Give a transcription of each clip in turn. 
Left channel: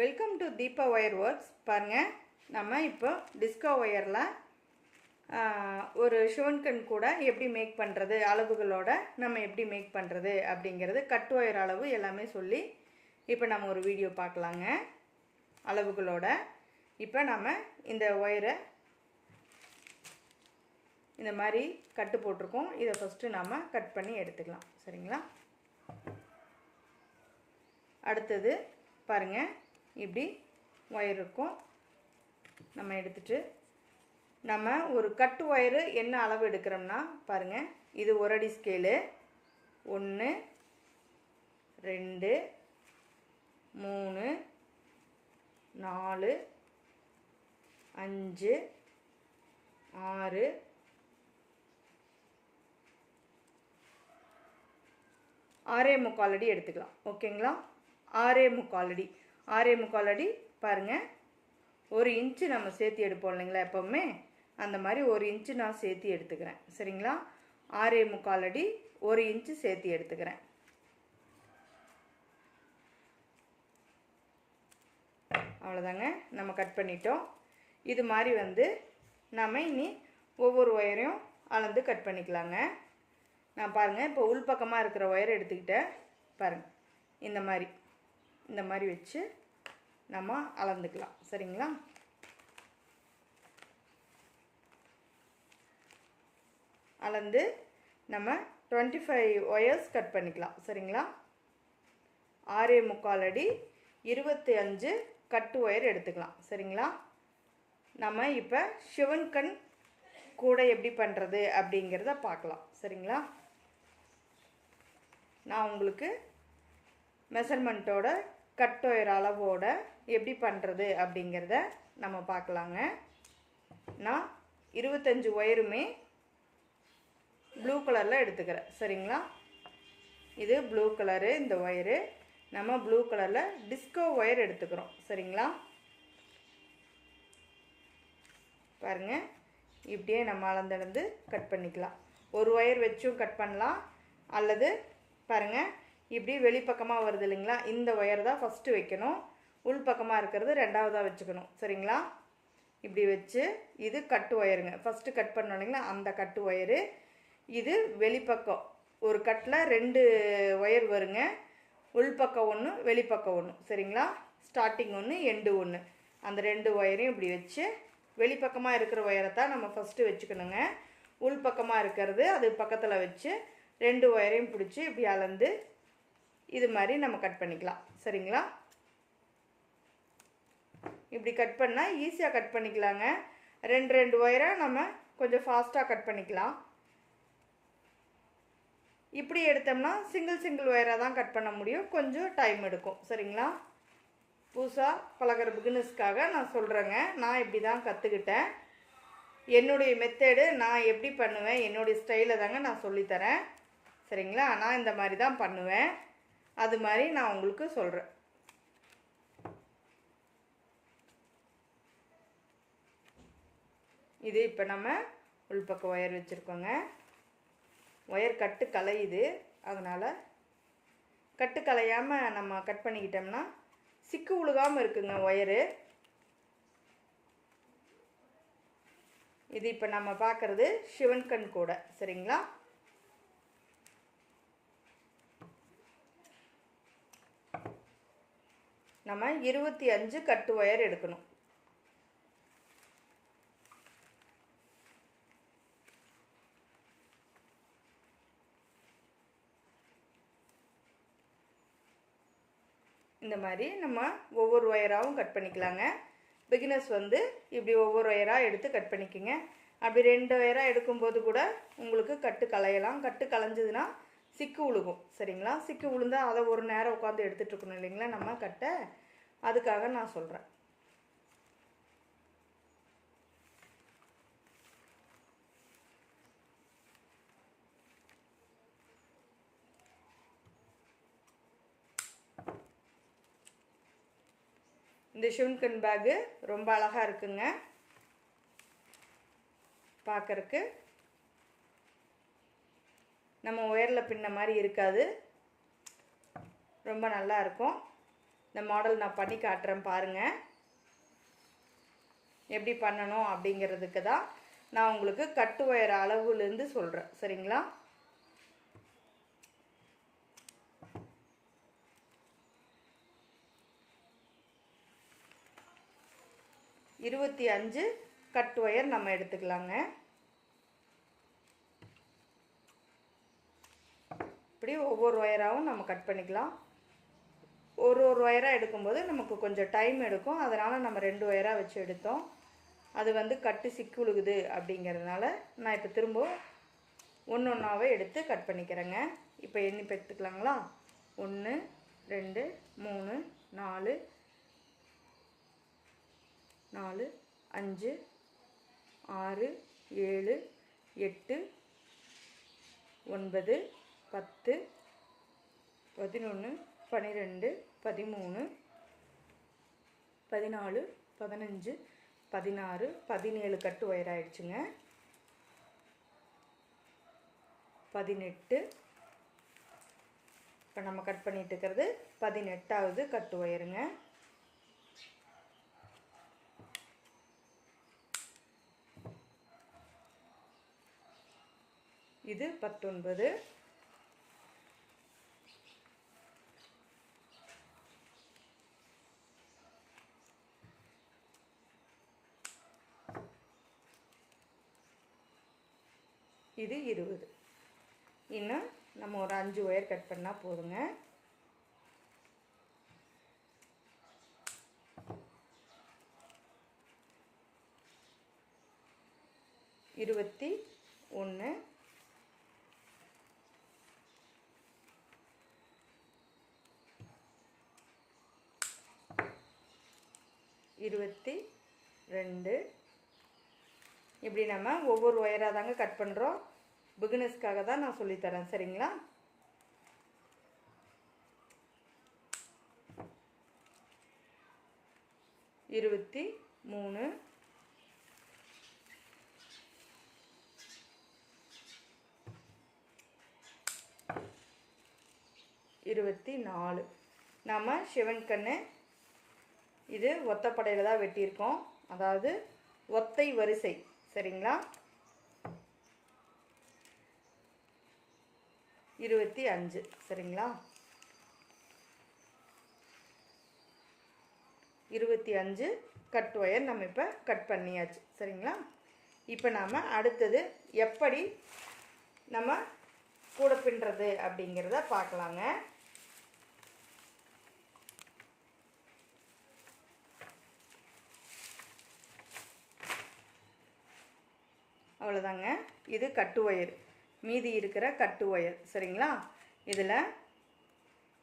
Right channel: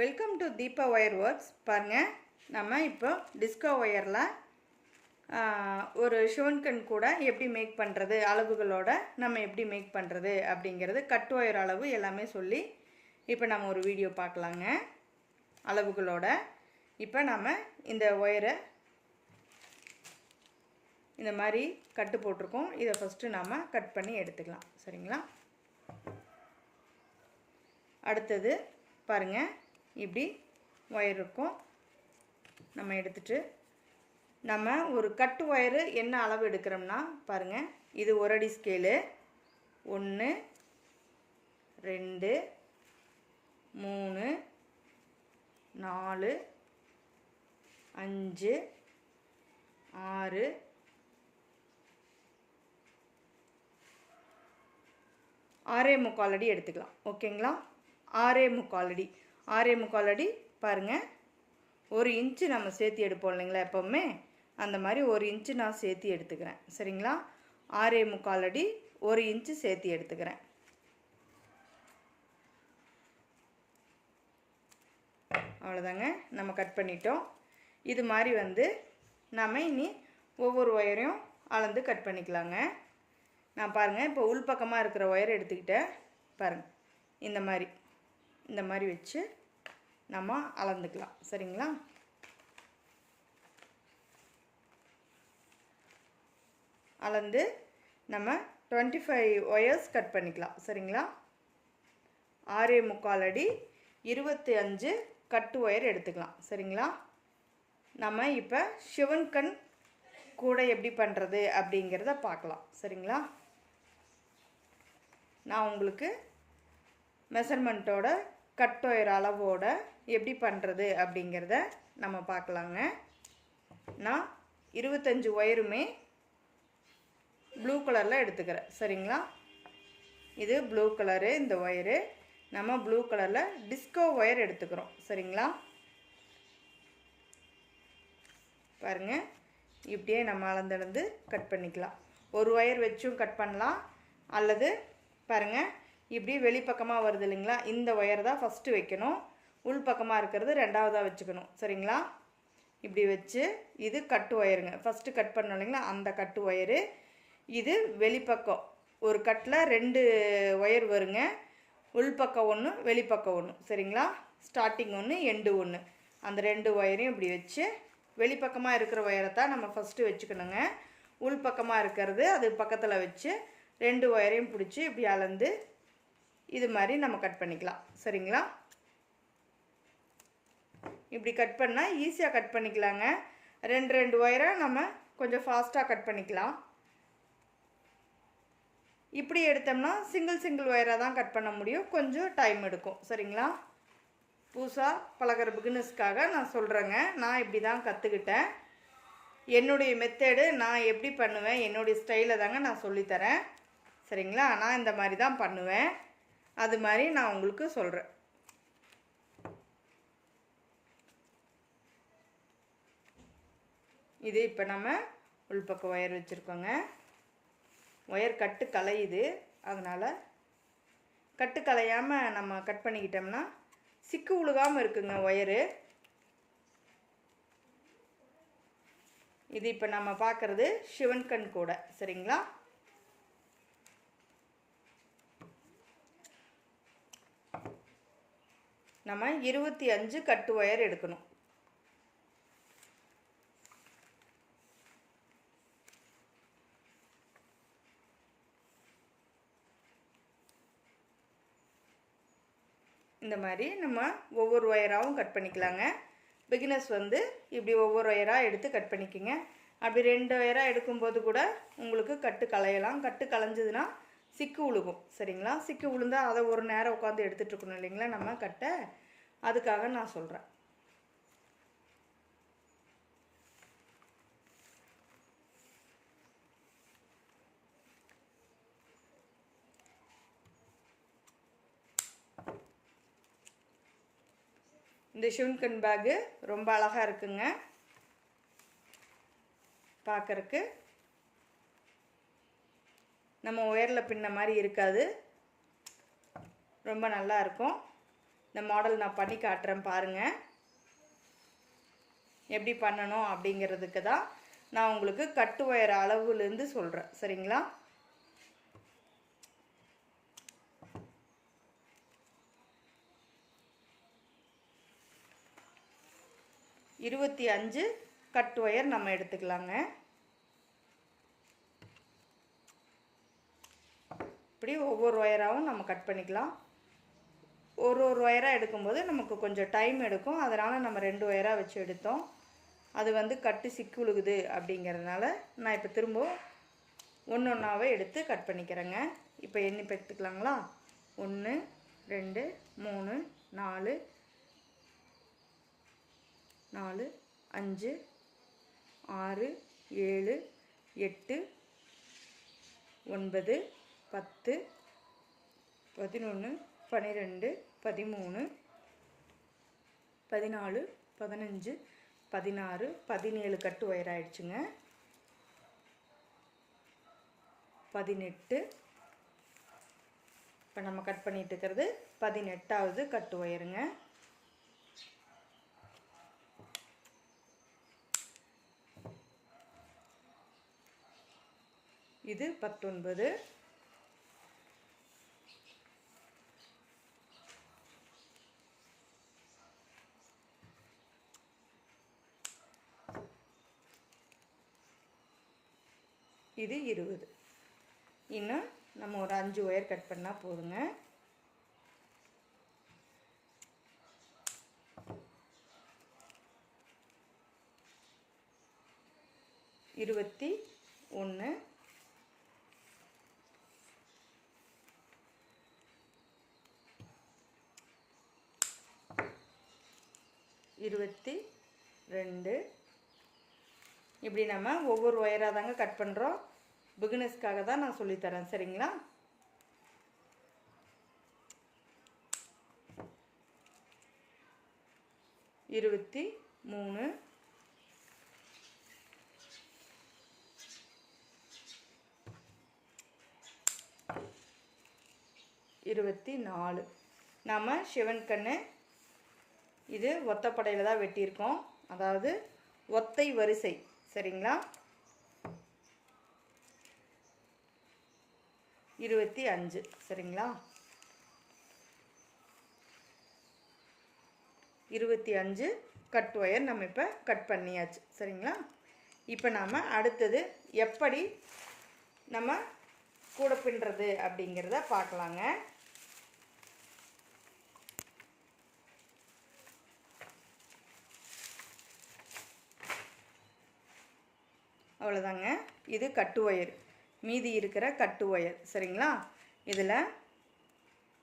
Welcome to Deepa wire works. பாருங்கள், நம்ம இப்போ டிஸ்கோ ஒயரில் ஒரு ஷோன்கன் கூட எப்படி மேக் பண்ணுறது, அளவுகளோட நம்ம எப்படி மேக் பண்ணுறது அப்படிங்கிறது, கட் ஒயர் அளவு எல்லாமே சொல்லி இப்போ நம்ம ஒரு வீடியோ பார்க்கலாங்க அளவுகளோட. இப்போ நம்ம இந்த ஒயரை இந்த மாதிரி கட்டு போட்டிருக்கோம். இதை ஃபஸ்ட்டு நம்ம கட் பண்ணி எடுத்துக்கலாம். சரிங்களா? அடுத்தது பாருங்கள், இப்படி ஒயர் இருக்கும். நம்ம எடுத்துட்டு நம்ம ஒரு கட்டு ஒயரு என்ன அளவு எடுக்கிறோம்னா பாருங்கள், இது ஒரு அடி ஸ்கேலு. 1 2 3 4 5 6 6.25 அடி எடுத்துக்கலாம். ஓகேங்களா? 6.25 அடி பாருங்கள். 1 இன்ச்சு நம்ம சேர்த்து எடுப்போம் இல்லைங்களா எப்போவுமே, அந்த மாதிரி 1 இன்ச்சு நான் சேர்த்து எடுத்துக்கிறேன். சரிங்களா? 6.25 அடி 1 இன்ச்சு சேர்த்து எடுத்துக்கிறேன். அவ்வளோதாங்க, நம்ம கட் பண்ணிட்டோம். இது மாதிரி நம்ம இனி ஒவ்வொரு ஒயரையும் அளந்து கட் பண்ணிக்கலாங்க. நான் பாருங்கள், இப்போ உள்பக்கமாக இருக்கிற ஒயரை எடுத்துக்கிட்டேன். பாருங்கள், இந்த மாதிரி வச்சு நம்ம அளந்துக்கலாம். சரிங்களா? அளந்து நம்ம 25 ஒயர்ஸ் கட் பண்ணிக்கலாம். சரிங்களா? 6.25 அடி 25 கட்டு ஒயர் எடுத்துக்கலாம். சரிங்களா? நம்ம இப்போ ஷிவன்கன் கூட எப்படி பண்ணுறது அப்படிங்கிறத பார்க்கலாம். சரிங்களா? நான் உங்களுக்கு மெஷர்மெண்ட்டோட கட் ஒயர் அளவோட எப்படி பண்ணுறது அப்படிங்கிறத நம்ம பார்க்கலாங்க. நான் 25 ஒயருமே ப்ளூ கலரில் எடுத்துக்கிறேன். சரிங்களா? இது ப்ளூ கலரு. இந்த ஒயரு நம்ம ப்ளூ கலரில் டிஸ்கோ ஒயர் எடுத்துக்கிறோம். சரிங்களா? பாருங்கள், இப்படியே நம்ம அளந்தளந்து கட் பண்ணிக்கலாம். ஒரு ஒயர் வச்சும் கட் பண்ணலாம், அல்லது பாருங்கள் இப்படி வெளிப்பக்கமாக வருது இல்லைங்களா, இந்த ஒயர் தான் ஃபஸ்ட்டு வைக்கணும். உள்பக்கமாக இருக்கிறது ரெண்டாவதாக வச்சுக்கணும். சரிங்களா? இப்படி வச்சு, இது கட்டு ஒயருங்க. ஃபஸ்ட்டு கட் பண்ணோம் இல்லைங்களா, அந்த கட்டு ஒயரு. இது வெளிப்பக்கம். ஒரு கட்டில் 2 ஒயர் வருங்க. உள்பக்கம் 1, வெளிப்பக்கம் 1. சரிங்களா? Starting 1, end 1. அந்த 2 ஒயரையும் இப்படி வச்சு, வெளிப்பக்கமாக இருக்கிற ஒயரை தான் நம்ம ஃபஸ்ட்டு வச்சுக்கணுங்க. உள்பக்கமாக இருக்கிறது அது பக்கத்தில் வச்சு 2 ஒயரையும் பிடிச்சி இப்படி அளந்து இது மாதிரி நம்ம கட் பண்ணிக்கலாம். சரிங்களா? இப்படி கட் பண்ணால் ஈஸியாக கட் பண்ணிக்கலாங்க. 2 ஒயரை நம்ம கொஞ்சம் ஃபாஸ்ட்டாக கட் பண்ணிக்கலாம். இப்படி எடுத்தோம்னா சிங்கிள் ஒயராக தான் கட் பண்ண முடியும், கொஞ்சம் டைம் எடுக்கும். சரிங்களா? புதுசாக பழகிற பிகினர்ஸ்க்காக நான் சொல்கிறேங்க. நான் இப்படி தான் கற்றுக்கிட்டேன். என்னுடைய மெத்தேடு நான் எப்படி பண்ணுவேன், என்னுடைய ஸ்டைலை தாங்க நான் சொல்லித்தரேன். சரிங்களா? நான் இந்த மாதிரி தான் பண்ணுவேன். அது மாதிரி நான் உங்களுக்கு சொல்கிறேன். இது இப்போ நம்ம உள்பக்க ஒயர் வச்சுருக்கோங்க. ஒயர் கட்டு கலையுது, அதனால் கட்டு கலையாமல் நம்ம கட் பண்ணிக்கிட்டோம்னா சிக்கு உழுகாமல் இருக்குங்க ஒயரு. இது இப்போ நம்ம பார்க்குறது ஷிவன்கன் கூட. சரிங்களா? நம்ம 25 கட்டு ஒயர் எடுக்கணும். இந்த மாதிரி நம்ம ஒவ்வொரு ஒயராகவும் கட் பண்ணிக்கலாங்க. பிகினர்ஸ் இப்படி ஒவ்வொரு ஒயராக எடுத்து கட் பண்ணிக்கோங்க. அப்படி 2 ஒயராக எடுக்கும்போது கூட உங்களுக்கு கட்டு களையலாம். கட்டு களைஞ்சதுன்னா சிக்கு உழுகும். சரிங்களா? சிக்கு உளுந்தால் அதை ஒரு நேரம் உட்காந்து எடுத்துகிட்டு இருக்கணும் இல்லைங்களா நம்ம கட்டை, அதுக்காக நான் சொல்கிறேன். இந்த ஷிவன்கன் பேக்கு ரொம்ப அழகாக இருக்குங்க பார்க்கறக்கு. நம்ம ஒயரில் பின்ன மாதிரி இருக்காது, ரொம்ப நல்லா இருக்கும். இந்த மாடல் நான் பண்ணி காட்டுறேன் பாருங்கள். எப்படி பண்ணணும் அப்படிங்கிறதுக்கு தான் நான் உங்களுக்கு கட்டு ஒயர் அளவுலேருந்து சொல்கிறேன். சரிங்களா? இருபத்தி 5 கட் ஒயர் நம்ம எடுத்துக்கலாங்க. இப்படி ஒவ்வொரு ஒயராகவும் நம்ம கட் பண்ணிக்கலாம். ஒரு ஒயராக எடுக்கும்போது நமக்கு கொஞ்சம் டைம் எடுக்கும். அதனால் நம்ம 2 ஒயராக வச்சு எடுத்தோம். அது வந்து கட்டு சிக்குழுகுது அப்படிங்கிறதுனால நான் இப்போ திரும்ப ஒன்றொன்றாவே எடுத்து கட் பண்ணிக்கிறேங்க. இப்போ எண்ணி எடுத்துக்கலாங்களா? 1 2 3 4 4 5 6 7 8 9 10 11 12 13 14 15 16 17 கட்டு ஒயர் ஆயிடுச்சுங்க. 18. இப்போ நம்ம கட் பண்ணிட்டு இருக்கிறது 18வது கட்டு ஒயருங்க. இது 19. இது 20. இன்னும் நம்ம ஒரு 5 ஒயர் கட் பண்ணால் போதுங்க. இருபத்தி 1 22. இப்படி நம்ம ஒவ்வொரு ஒயராக தாங்க கட் பண்ணுறோம். பிகினர்ஸ்க்காக தான் நான் சொல்லித்தரேன். சரிங்களா? இருபத்தி 3 24. நம்ம சிவன் கண்ணு இது ஒத்தப்படையில் தான் வெட்டியிருக்கோம். அதாவது ஒத்தை வரிசை. சரிங்களா? 25. சரிங்களா? 25 கட் ஒயர் நம்ம இப்போ கட் பண்ணியாச்சு. சரிங்களா? இப்போ நாம் அடுத்தது எப்படி நம்ம கூட பின்னுறது அப்படிங்கிறத பார்க்கலாங்க. அவ்வளோதாங்க. இது கட்டு ஒயர், மீதி இருக்கிற கட்டு ஒயர். சரிங்களா? இதில்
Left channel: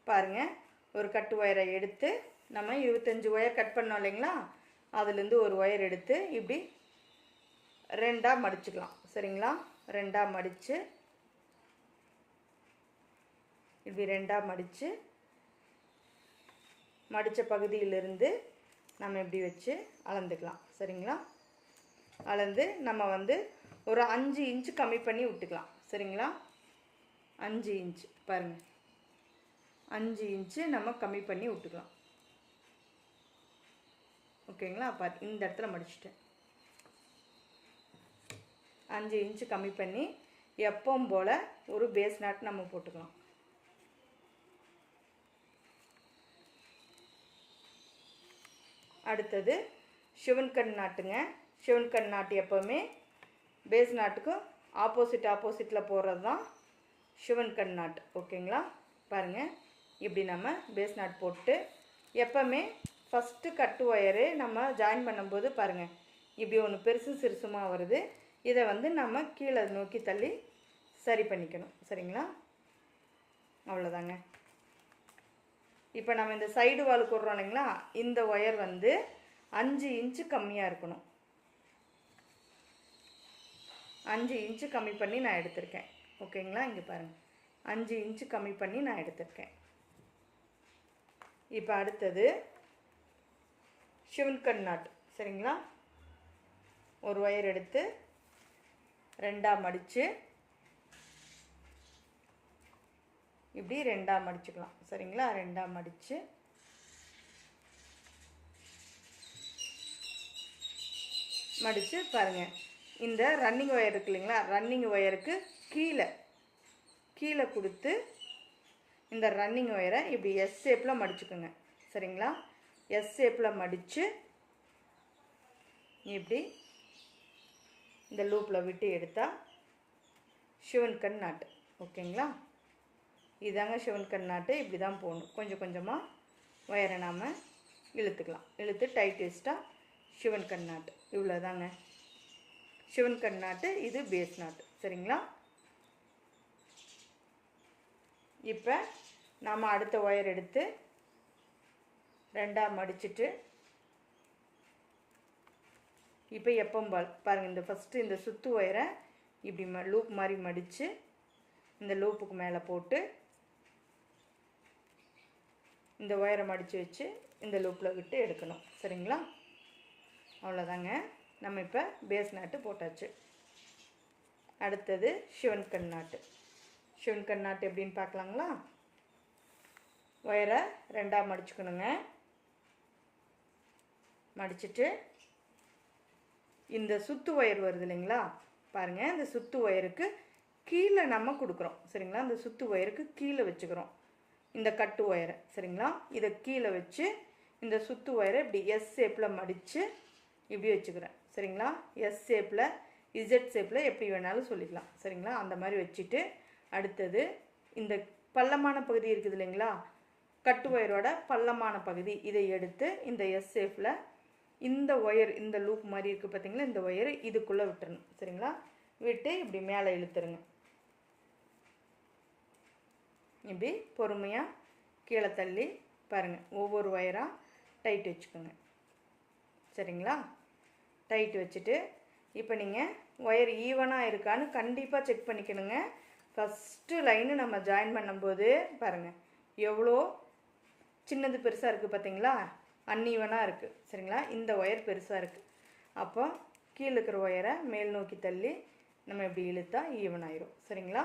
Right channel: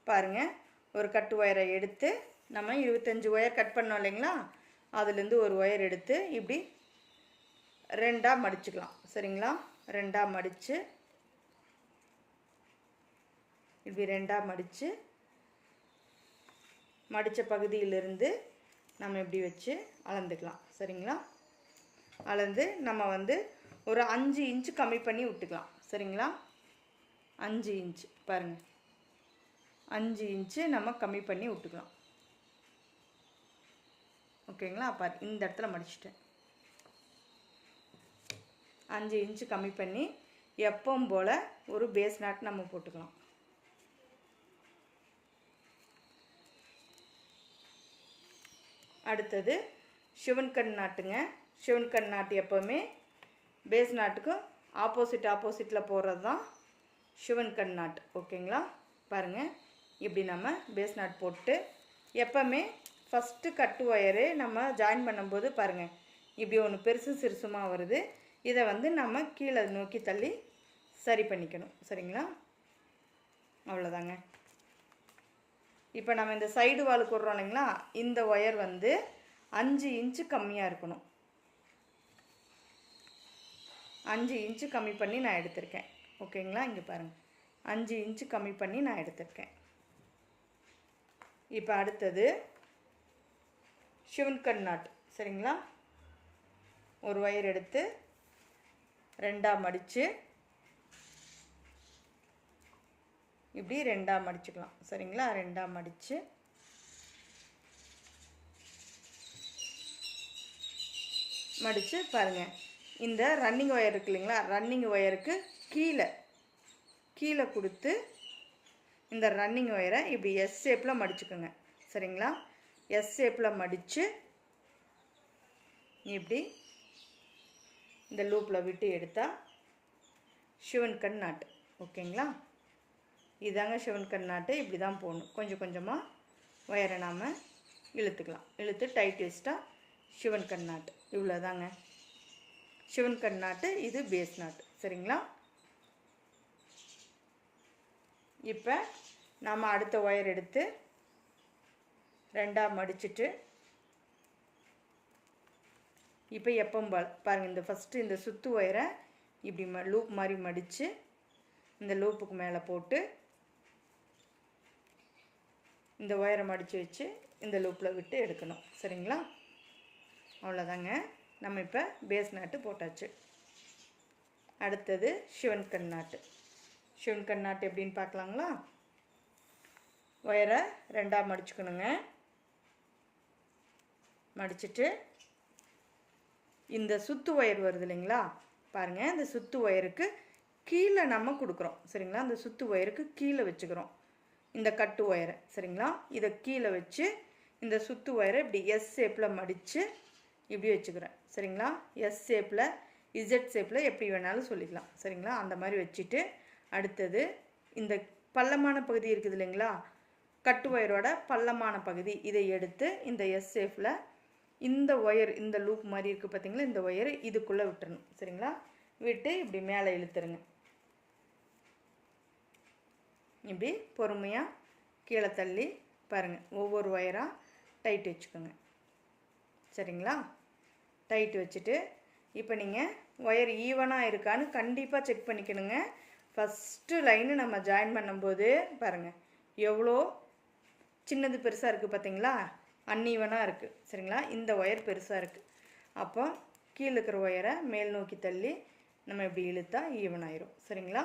பாருங்கள், ஒரு கட்டு ஒயரை எடுத்து நம்ம 25 ஒயர் கட் பண்ணோம் இல்லைங்களா? அதுலேருந்து ஒரு ஒயர் எடுத்து இப்படி 2ஆக மடிச்சுக்கலாம். சரிங்களா? 2ஆக மடித்து இப்படி 2ஆக மடித்த பகுதியிலிருந்து நம்ம இப்படி வச்சு அளந்துக்கலாம். சரிங்களா? அளந்து நம்ம வந்து ஒரு 5 இன்ச்சு கம்மி பண்ணி விட்டுக்கலாம். சரிங்களா? 5 இன்ச்சு பாருங்கள், 5 இன்ச்சு நம்ம கம்மி பண்ணி விட்டுக்கலாம். ஓகேங்களா? பாரு, இந்த இடத்துல மடிச்சிட்டேன். 5 இன்ச்சு கம்மி பண்ணி எப்பவும் போல் ஒரு பேஸ் நாட் நம்ம போட்டுக்கலாம். அடுத்தது சிவன் கண் நாட்டுங்க. சிவன் கண் நாட்டு எப்போவுமே பேஸ் நாட்டுக்கும் ஆப்போசிட்டில் போடுறது தான் சிவன் கண் நாட்டு. ஓகேங்களா? பாருங்கள், இப்படி நம்ம பேஸ் நாட் போட்டு எப்போவுமே ஃபஸ்ட்டு கட்டு ஒயரு நம்ம ஜாயின் பண்ணும்போது பாருங்கள், இப்படி ஒன்று பெருசு சிறுசுமாக வருது. இதை வந்து நம்ம கீழே நோக்கி தள்ளி சரி பண்ணிக்கணும். சரிங்களா? அவ்வளோதாங்க. இப்போ நம்ம இந்த சைடு வாலுக்கு விட்றோம் இல்லைங்களா? இந்த ஒயர் வந்து 5 இன்ச்சு கம்மியாக இருக்கணும். 5 இன்ச்சு கம்மி பண்ணி நான் எடுத்திருக்கேன். ஓகேங்களா? இங்கே பாருங்கள், 5 இன்ச்சு கம்மி பண்ணி நான் எடுத்திருக்கேன். இப்போ அடுத்தது சிவன் கண் நாட். சரிங்களா? ஒரு ஒயர் எடுத்து 2ஆக மடித்து இப்படி 2ஆக மடிச்சுக்கலாம். சரிங்களா? 2ஆக மடித்து மடித்து பாருங்கள், இந்த ரன்னிங் ஒயர் இருக்கு இல்லைங்களா, ரன்னிங் ஒயருக்கு கீழே கொடுத்து இந்த ரன்னிங் ஒயரை இப்படி எஸ் ஷேப்பில் மடிச்சுக்கோங்க. சரிங்களா? எஸ் ஷேப்பில் மடித்து இப்படி இந்த லூப்பில் விட்டு எடுத்தால் சிவன் கண் நாட்டு. ஓகேங்களா? இதாங்க சிவன் கண் நாட்டு. இப்படி தான் போகணும். கொஞ்சம் கொஞ்சமாக ஒயரை நாம் இழுத்துக்கலாம். இழுத்து டைட் வச்சிட்டா சிவன் கண் நாட்டு. இவ்வளோதாங்க சிவன் கண் நாட்டு. இது பேஸ் நாட்டு. சரிங்களா? இப்போ நாம் அடுத்த ஒயர் எடுத்து ரெண்டாக மடிச்சுட்டு, இப்போ எப்பவும் பாருங்கள், இந்த ஃபஸ்ட்டு இந்த சுத்து ஒயரை இப்படி லூப் மாதிரி மடித்து இந்த லூப்புக்கு மேலே போட்டு இந்த ஒயரை மடித்து வச்சு இந்த லூப்பில் விட்டு எடுக்கணும். சரிங்களா? அவ்வளோதாங்க. நம்ம இப்போ பேஸ் நாட்டு போட்டாச்சு. அடுத்தது சிவன் கண் நாட்டு. சிவன் கண் நாட்டு எப்படின்னு பார்க்கலாங்களா? ஒயரை ரெண்டாக மடிச்சுக்கணுங்க. மடிச்சுட்டு இந்த சுத்து ஒயர் வருது இல்லைங்களா, பாருங்கள், இந்த சுத்து ஒயருக்கு கீழே நம்ம கொடுக்குறோம். சரிங்களா? இந்த சுத்து ஒயருக்கு கீழே வச்சுக்கிறோம் இந்த கட்டு ஒயரை. சரிங்களா? இதை கீழே வச்சு இந்த சுத்து ஒயரை இப்படி எஸ் ஷேப்பில் மடித்து இப்படி வச்சுக்கிறேன். சரிங்களா? எஸ் ஷேப்பில், இசட் ஷேப்பில் எப்படி வேணாலும் சொல்லிக்கலாம். சரிங்களா? அந்த மாதிரி வச்சுட்டு, அடுத்தது இந்த பள்ளமான பகுதி இருக்குது இல்லைங்களா, கட்டு ஒயரோட பள்ளமான பகுதி, இதை எடுத்து இந்த எஸ் ஷேப்பில் இந்த ஒயர், இந்த லூப் மாதிரி இருக்குது பார்த்தீங்களா, இந்த ஒயரை இதுக்குள்ளே விட்டுறணும். சரிங்களா? விட்டு இப்படி மேலே இழுத்துருங்க. இப்படி பொறுமையாக கீழே தள்ளி பாருங்கள், ஒவ்வொரு ஒயராக டைட் வச்சுக்கோங்க. சரிங்களா? டைட் வச்சுட்டு இப்போ நீங்கள் ஒயர் ஈவனாக இருக்கான்னு கண்டிப்பாக செக் பண்ணிக்கணுங்க. ஃபஸ்ட்டு லைனு நம்ம ஜாயின் பண்ணும்போது பாருங்கள் எவ்வளோ சின்னது பெருசாக இருக்குது பார்த்தீங்களா, அன்ஈவனாக இருக்குது. சரிங்களா? இந்த ஒயர் பெருசாக இருக்குது. அப்போ கீழே இருக்கிற ஒயரை மேல் நோக்கி தள்ளி நம்ம இப்படி இழுத்தா ஈவன் ஆயிரும். சரிங்களா?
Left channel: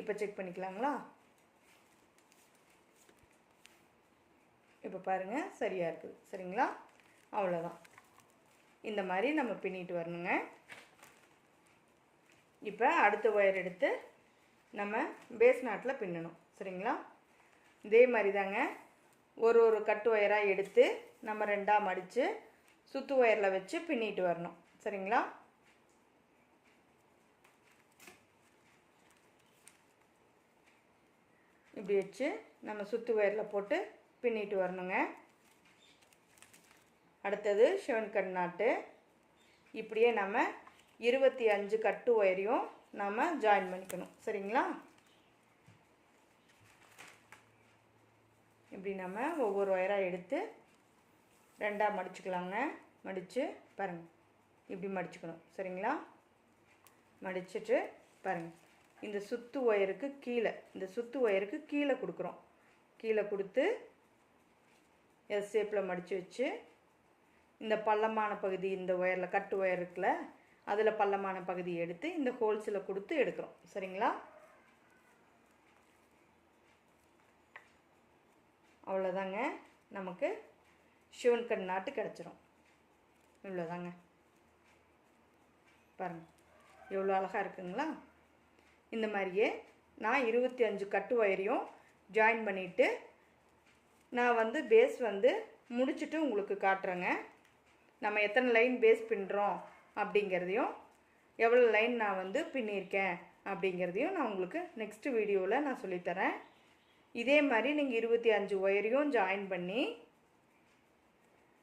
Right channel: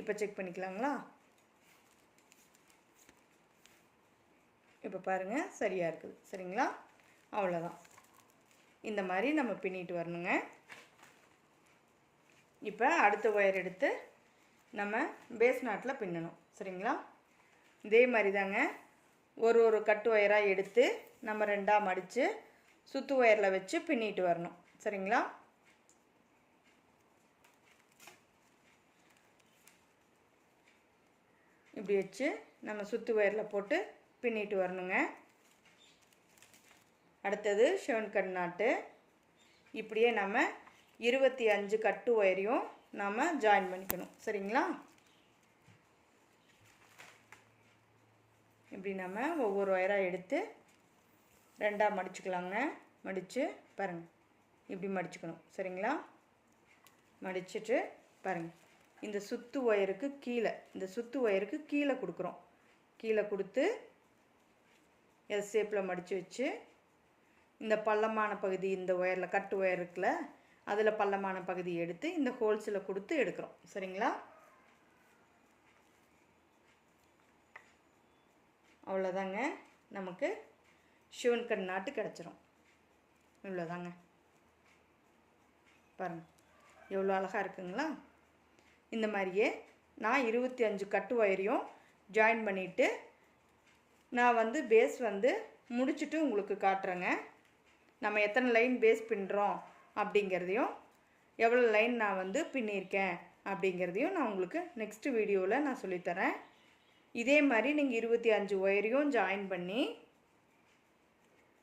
இப்போ செக் பண்ணிக்கலாங்களா? இப்போ பாருங்கள் சரியாக இருக்குது. சரிங்களா? அவ்வளோதான். இந்த மாதிரி நம்ம பின்னிட்டு வரணுங்க. இப்போ அடுத்த ஒயர் எடுத்து நம்ம பேஸ் நாட்டில் பின்னணும். சரிங்களா? இதே மாதிரி தாங்க ஒரு கட்டு ஒயராக எடுத்து நம்ம ரெண்டாக மடித்து சுத்து ஒயரில் வச்சு பின்னிட்டு வரணும். சரிங்களா? இப்படி வச்சு நம்ம சுத்து ஒயரில் போட்டு பின்னிட்டு வரணுங்க. அடுத்தது சிவன் கண் நாட்டு. இப்படியே நம்ம 25 கட்டு ஒயரையும் நம்ம ஜாயின் பண்ணிக்கணும். சரிங்களா? இப்படி நம்ம ஒவ்வொரு ஒயராக எடுத்து ரெண்டாக மடிச்சுக்கலாங்க. மடித்து பாருங்கள் இப்படி மடிச்சுக்கணும். சரிங்களா? மடிச்சுட்டு பாருங்கள், இந்த சுத்து ஒயருக்கு கீழே, இந்த சுத்து ஒயருக்கு கீழே கொடுக்குறோம். கீழே கொடுத்து எஸ் ஷேப்பில் மடித்து வச்சு இந்த பள்ளமான பகுதி, இந்த ஒயரில் கட்டு ஒயர் இருக்குல்ல, அதில் பள்ளமான பகுதி எடுத்து இந்த ஹோல்ஸில் கொடுத்து எடுக்கிறோம். சரிங்களா? அவ்வளோதாங்க, நமக்கு சிவன் கண் நாட்டு கிடச்சிரும். இவ்வளோதாங்க. பாருங்கள் எவ்வளோ அழகாக இருக்குங்களா? இந்த மாதிரியே நான் 25 கட்டு ஒயரையும் ஜாயின் பண்ணிவிட்டு நான் பேஸ் முடிச்சுட்டு உங்களுக்கு காட்டுறேங்க. நம்ம எத்தனை லைன் பேஸ் பின்னுறோம் அப்படிங்கிறதையும், எவ்வளோ லைன் நான் பின்னியிருக்கேன் அப்படிங்கிறதையும் நான் உங்களுக்கு நெக்ஸ்ட் வீடியோவில் நான் சொல்லித்தரேன். இதே மாதிரி நீங்கள் 25 ஒயரையும் ஜாயின் பண்ணி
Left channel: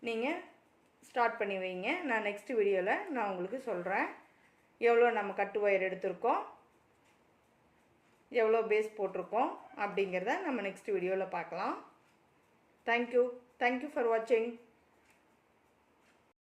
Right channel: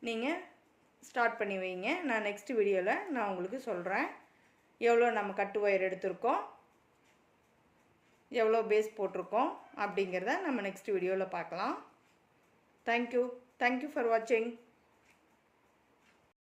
நீங்கள் ஸ்டார்ட் பண்ணி வைங்க. நான் நெக்ஸ்ட் வீடியோவில் நான் உங்களுக்கு சொல்கிறேன் எவ்வளோ நம்ம கட்டு ஒயர் எடுத்திருக்கோம், எவ்வளோ பேஸ் போட்டிருக்கோம் அப்படிங்கிறத நம்ம நெக்ஸ்ட் வீடியோவில் பார்க்கலாம். தேங்க்யூ ஃபார் வாட்சிங்.